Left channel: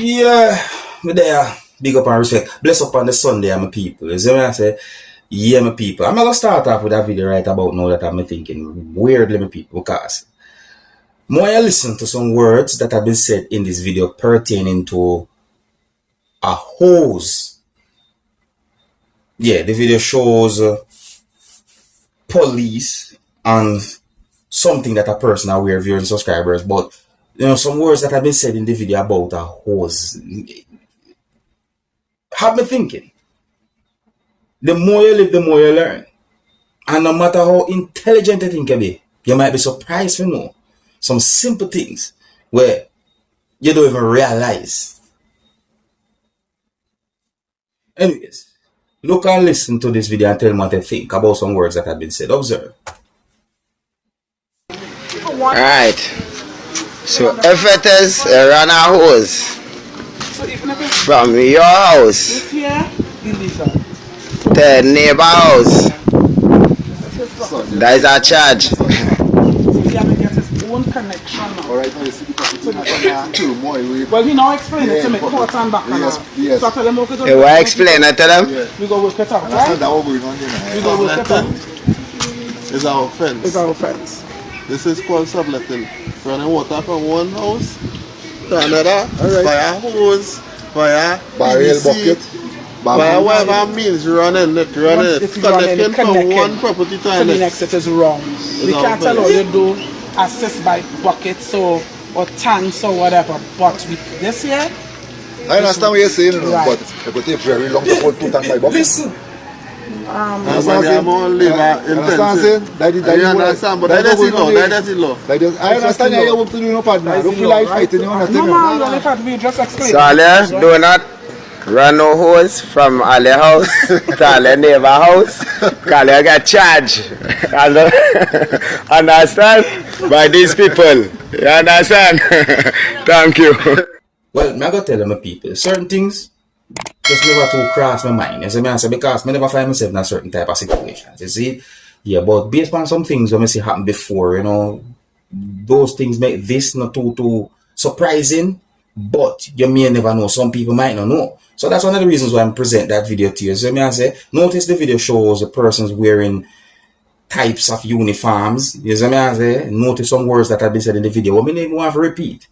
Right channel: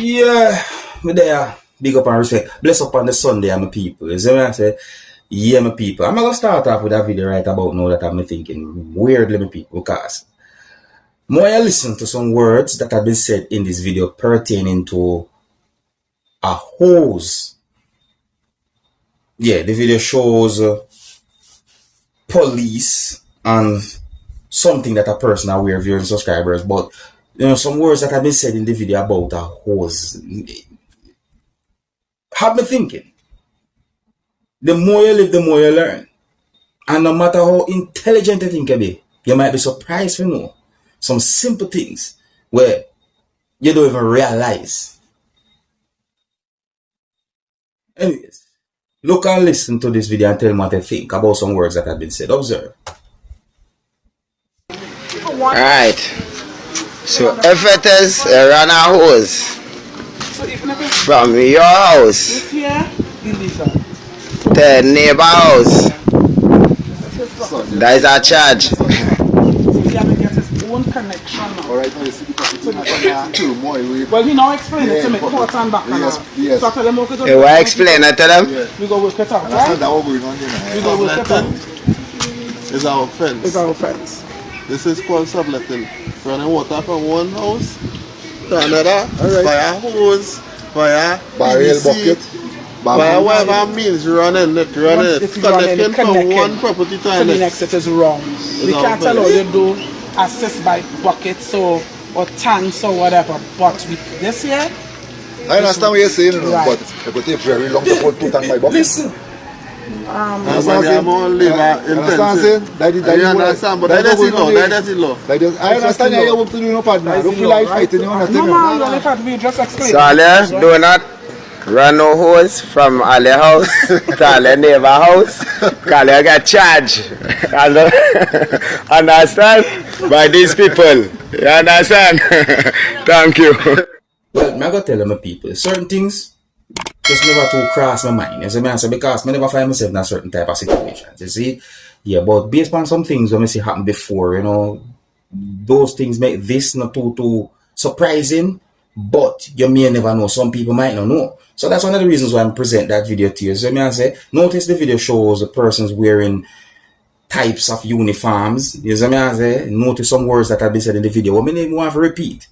Yeah, me there. Big up and respect. Bless up on the Sunday, my people. You see what I say? Yeah, my people. I'm gonna start off with a video right about now that I'm thinking weirdly, my people, because more I listen to some words that have been said in this video pertaining to a hose. Yeah, the video shows police and something that a person aware viewers and subscribers, but you know, some words that have been said in the video about a hose have me thinking. The more you live, the more you learn. And no matter how intelligent you think you be, you might be surprised to know some simple things where you don't even realize. Anyways, look and listen to this video and tell me what you think about some words that have been said. Observe. Alright. So if it is a run a hose from your house to a neighbor house, that is a charge. Well, he now explain it to me. Forth and back. Yes. So tell them what to do. You want to explain it to them? We go work it out, right? We go work it out. It's our offense. It's our offense. This is called shoplifting. Running water from one house to another, via hose, via barrel bucket, via whatever means running it, connecting from one property to the next. It is wrong. We can't allow you to assist by buckets or tanks or whatever. But with this here, I understand what you're saying, right. But it would take very long to put 2 tanks by bucket. Listen. and when you have all liver intensive. You understand, but that is the law. That is the law. I understand you want to do no partner. Don't feel like fighting you on a no, man, you fight. We just explain. So Ale, do not run no hose from Ale house to Ale neighbor house. Ale get charged. Understand? By these people. You understand? Thank you. Well, I'm going to tell my people, certain things just never to cross my mind. You see me answer, because I never find myself in a certain type of situations. You see? Yeah, but based on some things when I see happen before, you know, those things make this not too surprising, but you may never know. Some people might not know. So that's one of the reasons why I'm presenting that video to you. So I say, notice the video shows the persons wearing types of uniforms. You see me I say, notice some words that have been said in the video. What I mean, want to repeat.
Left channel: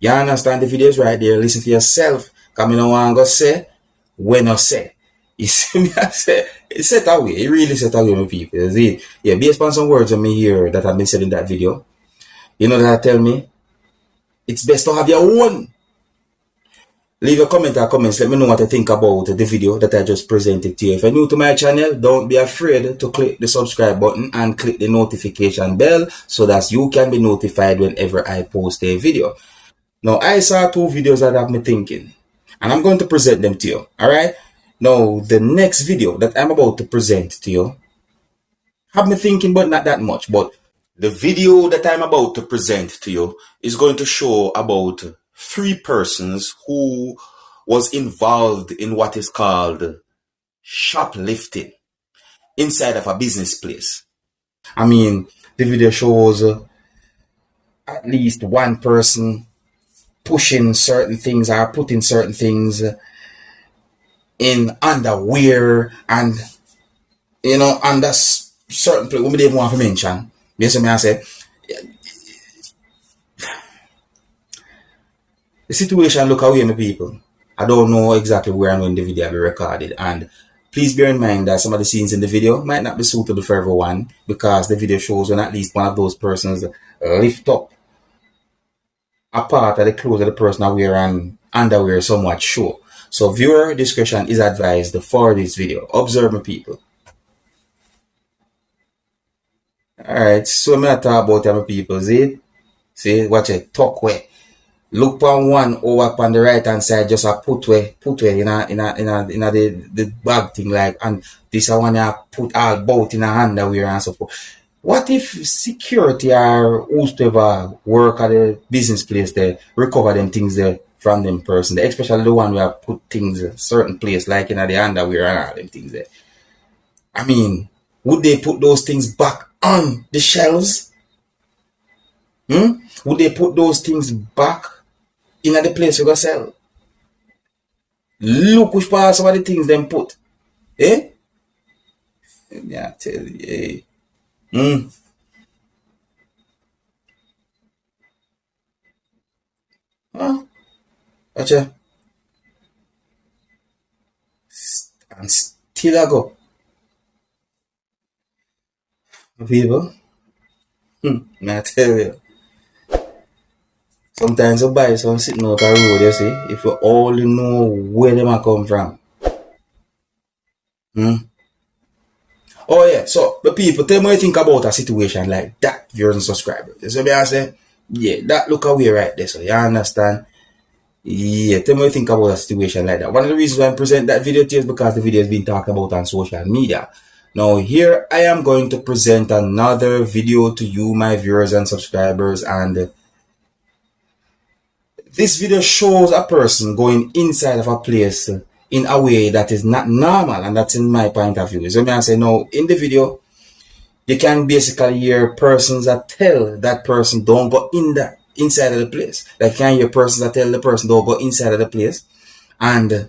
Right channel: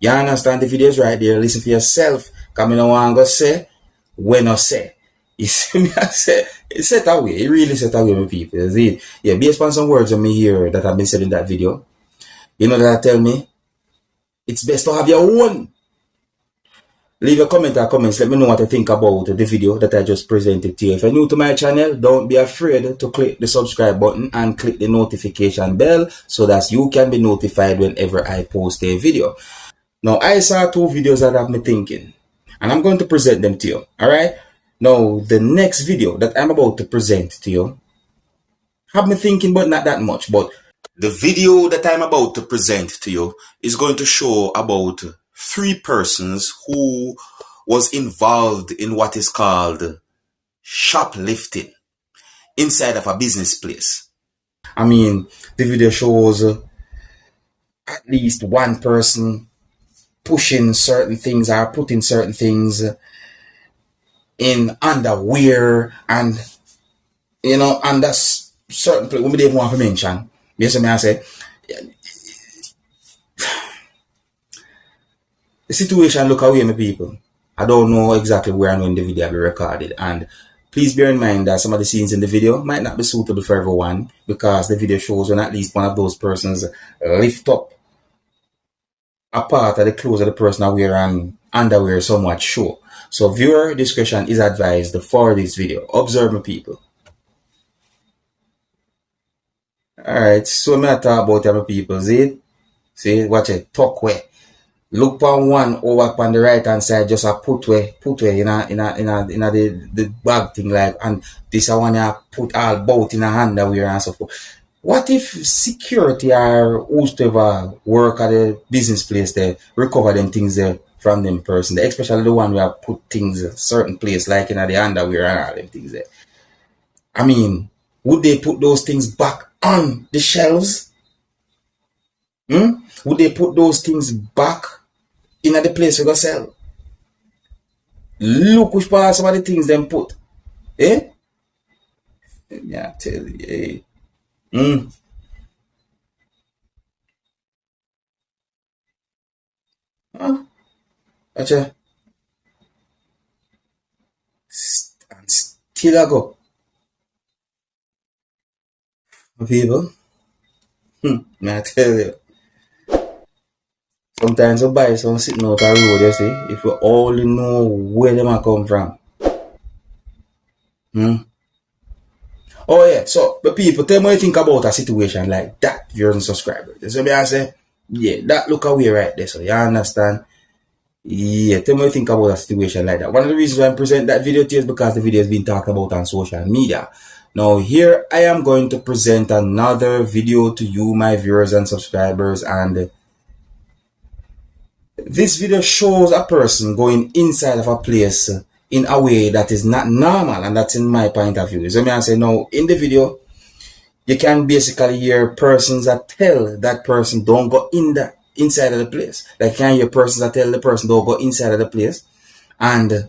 You understand the video is right there. Listen for yourself. Because I don't want to say when I say. You see me I say, it's set away. It really set away, my people. You see? Yeah, based on some words of me here that have been said in that video, you know that tell me it's best to have your own. Leave a comment or comments. Let me know what you think about the video that I just presented to you. If you're new to my channel, don't be afraid to click the subscribe button and click the notification bell so that you can be notified whenever I post a video. Now, I saw 2 videos that have me thinking, and I'm going to present them to you. Alright? Now, the next video that I'm about to present to you have me thinking, but not that much. But the video that I'm about to present to you is going to show about 3 persons who was involved in what is called shoplifting inside of a business place. I mean, the video shows at least one person pushing certain things or putting certain things in underwear and, you know, under certain place. We don't even want to mention. Basically, I said, the situation look away, my people. I don't know exactly where and when the video will be recorded. And please bear in mind that some of the scenes in the video might not be suitable for everyone, because the video shows when at least one of those persons lift up a part of the clothes of the person are wearing underwear somewhat show. So viewer discretion is advised for this video. Observe, my people. Alright, so me I talk about my people. See, watch it, talk way. Look on one over on the right hand side, just a put way in the bag thing, like, and this one you put all both in a underwear and so forth. What if security or whoever work at the business place there recover them things there from them person there, especially the one where put things a certain place like in the underwear and all them things there? I mean, would they put those things back on the shelves? Would they put those things back in the place you go sell? Look which part some of the things them put. Eh? Yeah, I tell you, eh. Huh? Gotcha. And still I go. My people. I tell you. Sometimes you buy some sitting out the road, you see, if you only know where them a come from. Oh yeah, so the people, tell me what you think about a situation like that, viewers and subscribers. So I say, yeah, that look away right there, so you understand? Yeah, tell me what you think about a situation like that. One of the reasons why I present that video to you is because the video has been talked about on social media. Now here I am going to present another video to you, my viewers and subscribers, and this video shows a person going inside of a place in a way that is not normal, and that's in my point of view. So I say now in the video, you can basically hear persons that tell that person don't go inside of the place. Like you can hear persons that tell the person don't go inside of the place. And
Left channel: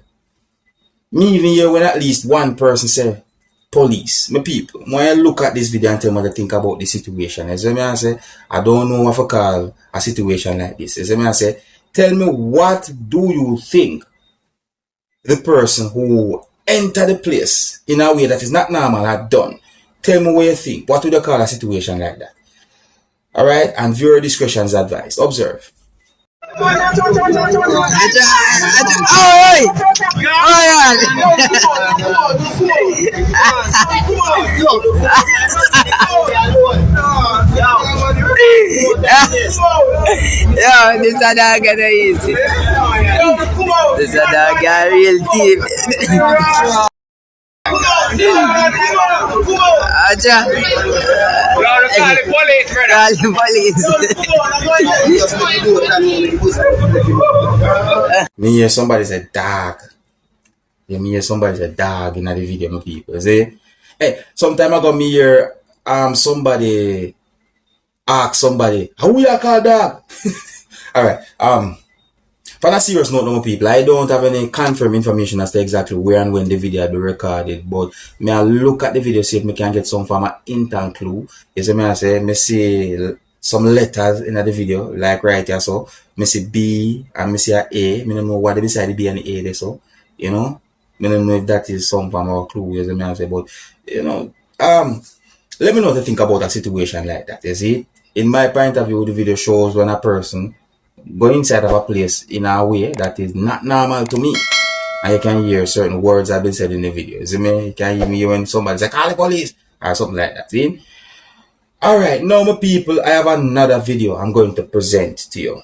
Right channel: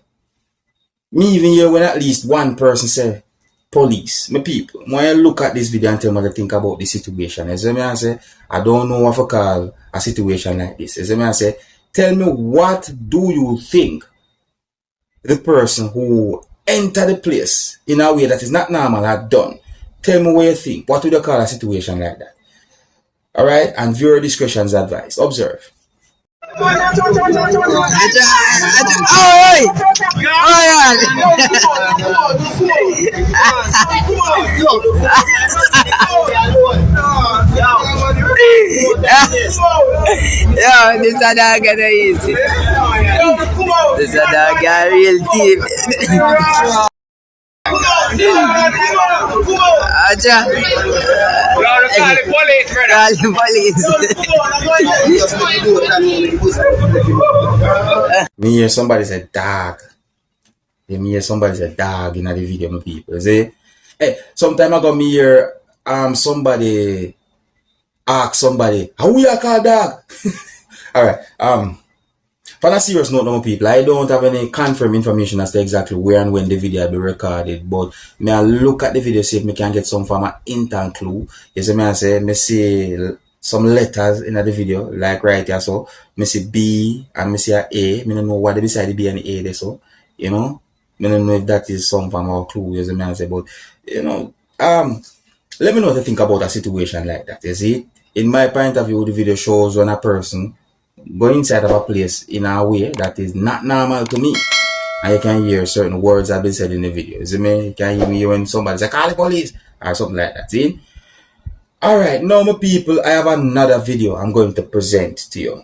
me even hear when at least one person say, police, my people. When you look at this video and tell me what to think about the situation. As I say, I don't know what to call a situation like this. As I say, tell me, what do you think the person who entered the place in a way that is not normal had done? Tell me what you think. What would you call a situation like that? Alright? And viewer discretion is advised. Observe. Yo, this a dog gonna easy. This a dog a real thief. Acha. Call the police, brother. Call the police. Me hear somebody say dog. Me hear somebody say dog in the video, my people. See? Hey, sometime ago me hear somebody ask somebody, how we are called dog? Alright, for a serious note, no people, I don't have any confirmed information as to exactly where and when the video will be recorded, but may I look at the video, see if I can get some form of hint and clue. You see me I say, me see some letters in the video, like right here, so, me see B and me see a A, me don't know what beside the B and the A there, so, you know, me don't know if that is some form of clue, you see me I say, but, you know, let me know what you think about a situation like that, you see. In my point of view, the video shows when a person go inside of a place in a way that is not normal to me. And you can hear certain words that have been said in the video. You see me? You can hear me when somebody say, call the police, or something like that. See? Alright, now my people, I have another video I'm going to present to you.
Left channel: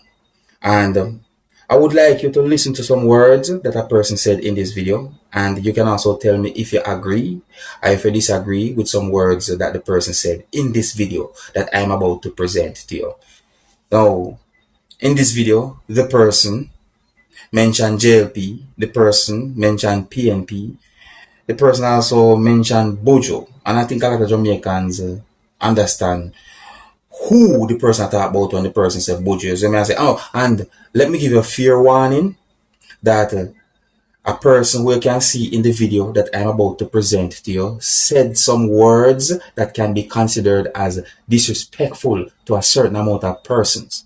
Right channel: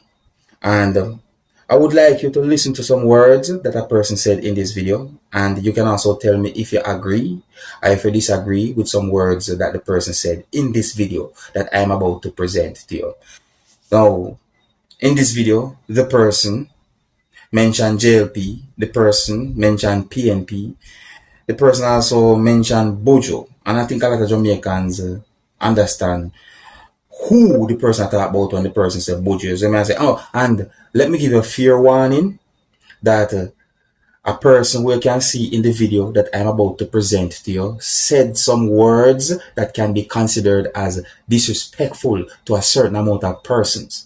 And I would like you to listen to some words that a person said in this video. And you can also tell me if you agree or if you disagree with some words that the person said in this video that I'm about to present to you. Now, in this video, the person mentioned JLP, the person mentioned PNP, the person also mentioned buju, and I think a lot of Jamaicans understand who the person talked about when the person said buju. So I say, oh, and let me give you a fair warning that a person who you can see in the video that I'm about to present to you said some words that can be considered as disrespectful to a certain amount of persons.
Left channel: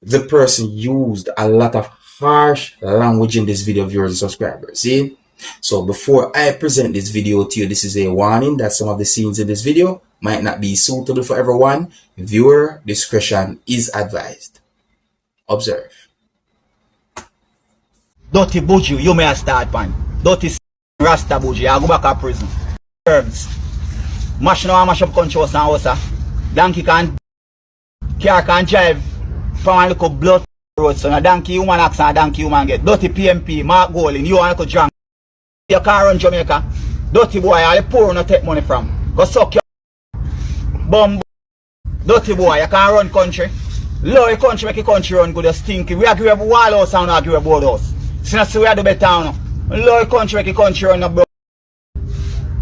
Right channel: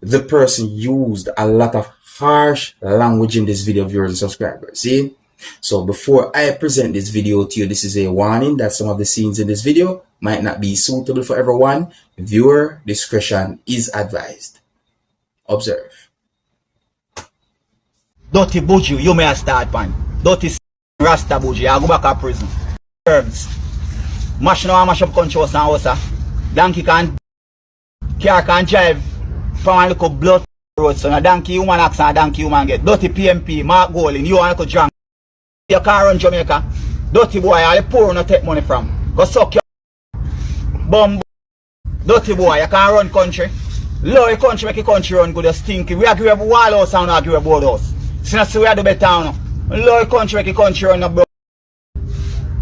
The person used a lot of harsh language in this video, viewers and subscribers. See? So before I present this video to you, this is a warning that some of the scenes in this video might not be suitable for everyone. Viewer discretion is advised. Observe. Dirty buju, you may start pan. Dirty rasta buju, I go back to prison. Herbs. Mash no mash up country house and house. Donkey car can't drive from a little blood road, so a donkey human acts and a donkey human get. Dirty PMP, Mark Golding, you want to drunk. Your car run Jamaica. Dirty boy, all the poor no take money from. Go suck your bum. Dirty boy, you can't run country. Low your country make your country run good, you stinky. We agree about wall house and we agree about house. So now see we are the better now. Low your country make your country run bro.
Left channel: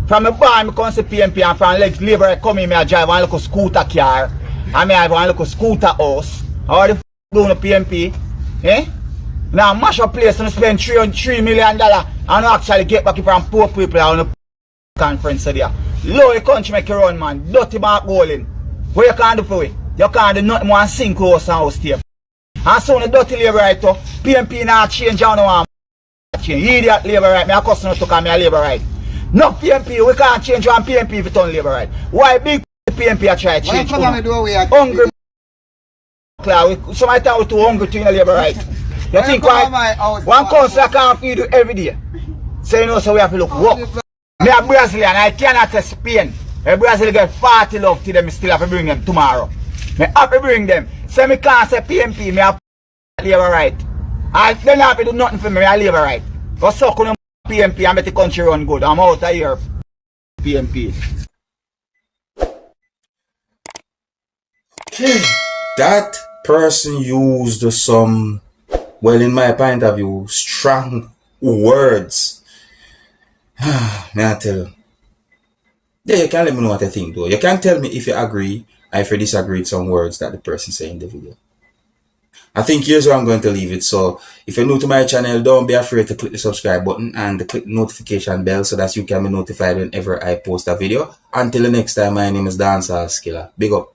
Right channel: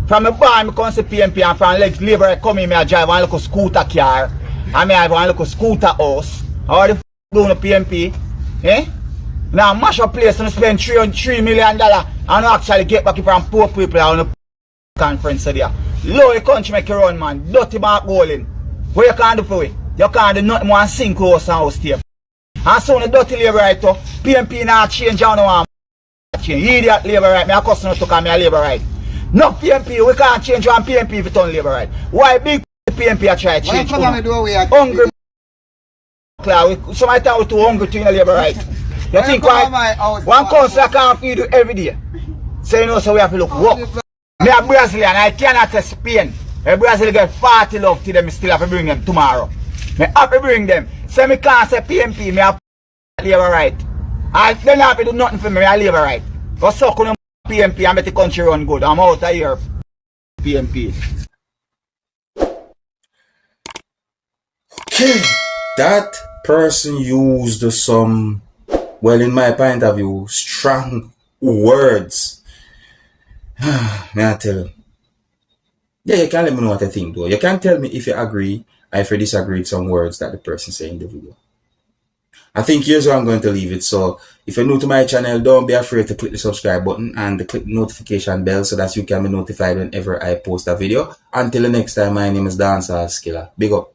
From a bar, I come see PMP and from legs labor I come in, I drive one little scooter car. And I have one little scooter house. How the f do no PMP? Eh? Now mash up place and spend $3 million and actually get back from poor people on the conference there. Low the country make you run, man. Dirty back bowling. What you can't do for it? You can't do nothing more than sink house and house tape. And so the dirty labor right to PMP now change on one change. Idiot labor right. Me a customer to come me a labor right. No PMP, we can't change one PMP if it on labor right. Why big PMP a try to change? Hungry somebody tell you too hungry to in a labor right. You think why one council can't feed you every day? So you know so we have to look work. Me a Brazilian, I cannot test Spain. A Brazil get 40 love to them, still have to bring them tomorrow. Me have to bring them. So me can't say PMP, me have labor right. I don't have to do nothing for me, I labor right. Go suck on PMP and make the country run good. I'm out of here. PMP. Okay. That person used some, well, in my point of view, strong words. May I tell you? Yeah, you can let me know what you think though. You can tell me if you agree and if you disagree with some words that the person said in the video. I think here's where I'm going to leave it. So if you're new to my channel, don't be afraid to click the subscribe button and click the notification bell so that you can be notified whenever I post a video. Until the next time, my name is Dancehall Skilla. Big up.